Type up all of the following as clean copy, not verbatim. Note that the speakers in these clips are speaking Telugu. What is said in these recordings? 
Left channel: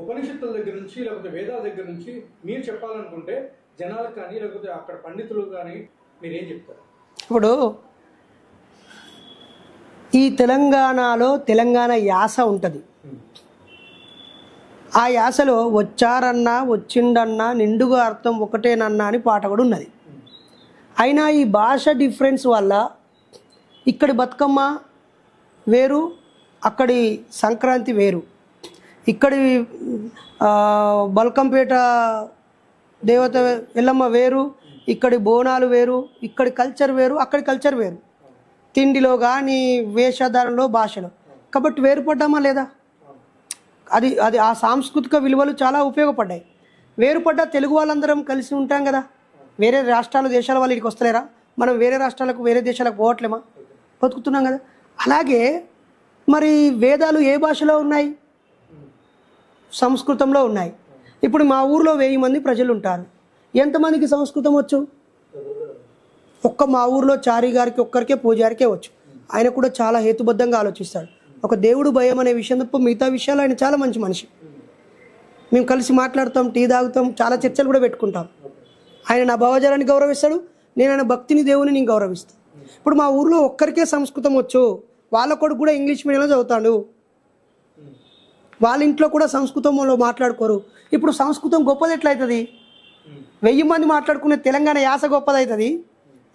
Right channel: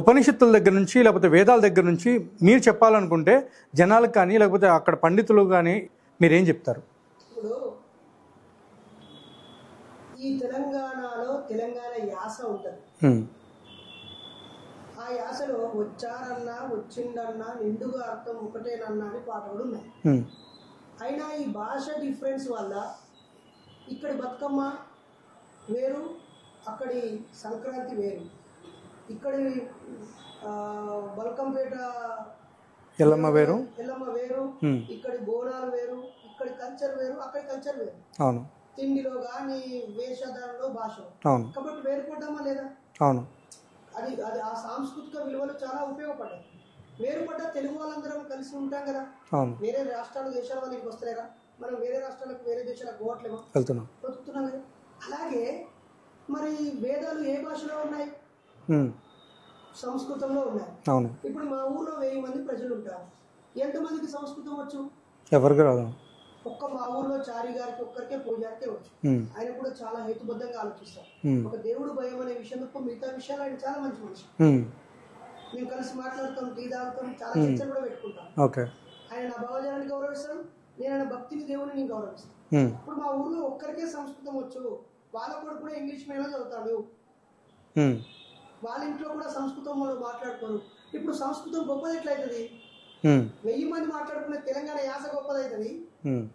ఉపనిషత్తుల దగ్గర నుంచి లేకపోతే వేదాల దగ్గర నుంచి మీరు చెప్పాలనుకుంటే జనాలకు కానీ లేకపోతే అక్కడ పండితులు కానీ మీరేం చెప్తారు? ఇప్పుడు ఈ తెలంగాణలో తెలంగాణ యాస ఉంటుంది. ఆ యాసలో వచ్చారన్నా వచ్చిండన్నా నిండుగా అర్థం ఒకటేనన్నా అని పాట కూడా ఉన్నది. అయినా ఈ భాష డిఫరెన్స్ వల్ల ఇక్కడి బతుకమ్మ వేరు, అక్కడి సంక్రాంతి వేరు, ఇక్కడి బల్కంపేట దేవత ఎల్లమ్మ వేరు, ఇక్కడి బోనాలు వేరు, ఇక్కడి కల్చర్ వేరు, అక్కడి కల్చర్ వేరు. అవును. తిండిలో కానీ వేషధారణలో భాషలో. కాబట్టి వేరుపడ్డామా లేదా? అవును. అది అది ఆ సాంస్కృతిక విలువలు చాలా ఉపయోగపడ్డాయి. వేరుపడ్డ తెలుగు వాళ్ళందరం కలిసి ఉంటాం కదా. వేరే రాష్ట్రాలు దేశాల వాళ్ళు ఇక్కడికి వస్తలేరా? మనం వేరే రాష్ట్రాలకు వేరే దేశాలకు పోవట్లేమా? బతుకుతున్నాం కదా. అలాగే మరి వేదాలు ఏ భాషలో ఉన్నాయి? సంస్కృతంలో ఉన్నాయి. ఇప్పుడు మా ఊర్లో 1000 మంది ప్రజలు ఉంటారు. ఎంతమందికి సంస్కృతం వచ్చు? ఎవరికి రాదు. ఒక్క మా ఊర్లో చారి గారికి ఒక్కరికే పూజారికే వచ్చు. ఆయన కూడా చాలా హేతుబద్ధంగా ఆలోచిస్తాడు. ఒక దేవుడు భయం అనే విషయం తప్ప మిగతా విషయాలు ఆయన చాలా మంచి మనిషి. మేము కలిసి మాట్లాడతాం, టీ తాగుతాం, చాలా చర్చలు కూడా పెట్టుకుంటాం. ఆయన నా భావజాలాన్ని గౌరవిస్తాడు, నేను ఆయన భక్తిని దేవుని నేను గౌరవిస్తాను. ఇప్పుడు మా ఊర్లో ఒక్కరికే సంస్కృతం వచ్చు, వాళ్ళ కొడుకు కూడా ఇంగ్లీష్ మీడియంలో చదువుతాడు, వాళ్ళ ఇంట్లో కూడా సంస్కృతంలో మాట్లాడుకోరు. ఇప్పుడు సంస్కృతం గొప్పది ఎట్లయితుంది? 1000 మంది మాట్లాడుకునే తెలంగాణ యాస గొప్పదవుతుంది,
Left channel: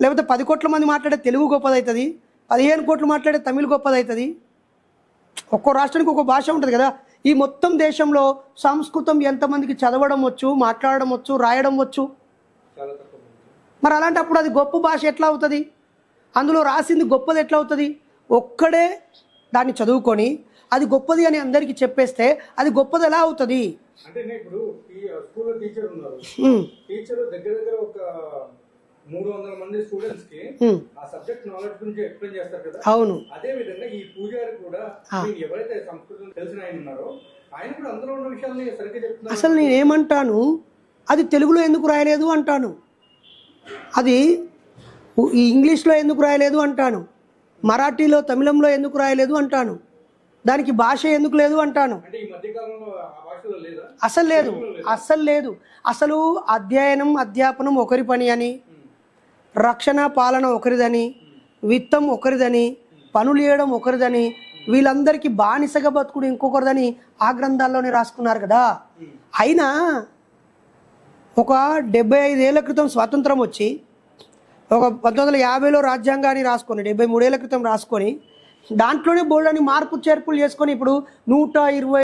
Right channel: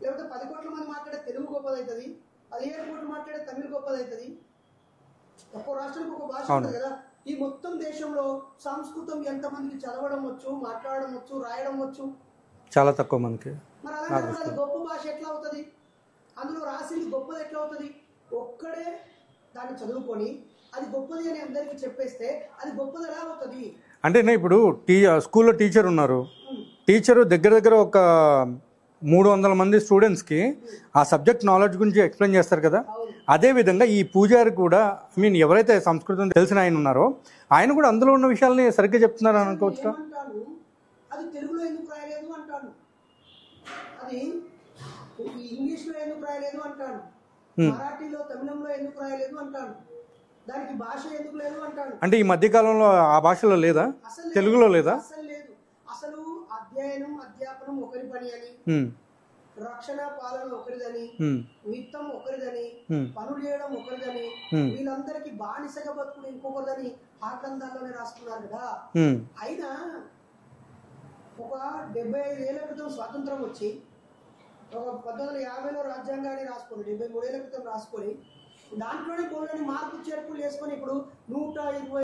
లేకపోతే 10 కోట్ల మంది మాట్లాడే తెలుగు గొప్పదవుతుంది, 15 కోట్లు మాట్లాడే తమిళ్ గొప్పదవుతుంది. ఒక్కో రాష్ట్రానికి ఒక్కో భాష ఉంటుంది కదా. ఈ మొత్తం దేశంలో సంస్కృతం ఎంతమందికి చదవడం వచ్చు, మాట్లాడడం వచ్చు, రాయడం వచ్చు? చాలా తక్కువ మందికి. మరి అలాంటప్పుడు అది గొప్ప భాష ఎట్లా అవుతుంది? అందులో రాసింది గొప్పది ఎట్లా అవుతుంది? ఒక్కడే దాన్ని చదువుకొని అది గొప్పది అని అందరికీ చెప్పేస్తే అది గొప్పది ఎలా అవుతుంది? అంటే ఇప్పుడు స్కూల్లో టీచర్ ఉన్నారు, టీచర్ దగ్గర దగ్గర ఒక 300 మంది స్టూడెంట్స్ కి ఆ సబ్జెక్ట్ నాలెడ్జ్ గురించి ఎక్స్ప్లెయిన్ చేస్తారు కదా. అవును. అదే విధంగా ఈ పూజారి కూడా ఎవరైతే సంస్కృతం తెలిసిన ఆయన ఉన్నారో ఆయన కూడా అందులో ఉన్న విషయాల్ని సరిగ్గా చెప్తున్నారు. అసలు నేను ఏమంటాను, అది తెలుగులో ఎందుకు రాయలేదు అంటాను, అది ఇంగ్లీష్లో ఎందుకు రాయలేదు అంటాను, మరాఠీలో తమిళంలో ఎందుకు రాయలేదు అంటాను, దానికి భాష ఎందుకు లేదు అంటాను. అంటే ఈ మధ్య కాలంలో ఆ భాషలో లేదా? అసలు లేదు, అసలు లేదు. అసలు అధ్యయనం అధ్యాపనం ఒకరి పని అని, రక్షణ పాలన ఒకరిదని, విత్తం ఒకరిదని, పనులు చేయడం ఒకరిదని, వీళ్ళందరికీ బానిసగా బతుకుడు ఇంకొకరిదని ఆ గ్రంథాల్లోనే రాసుకున్నారు కదా. అయినా ఒక 75 ఏళ్ల క్రితం స్వాతంత్రం వచ్చి ఒక 1950లో రాజ్యాంగాన్ని రాసుకొని 73 ఏళ్ల క్రితం రాసుకొని దాంట్లోనే బోల్డని మార్పు చేర్పులు చేసుకొని ఇప్పుడు 120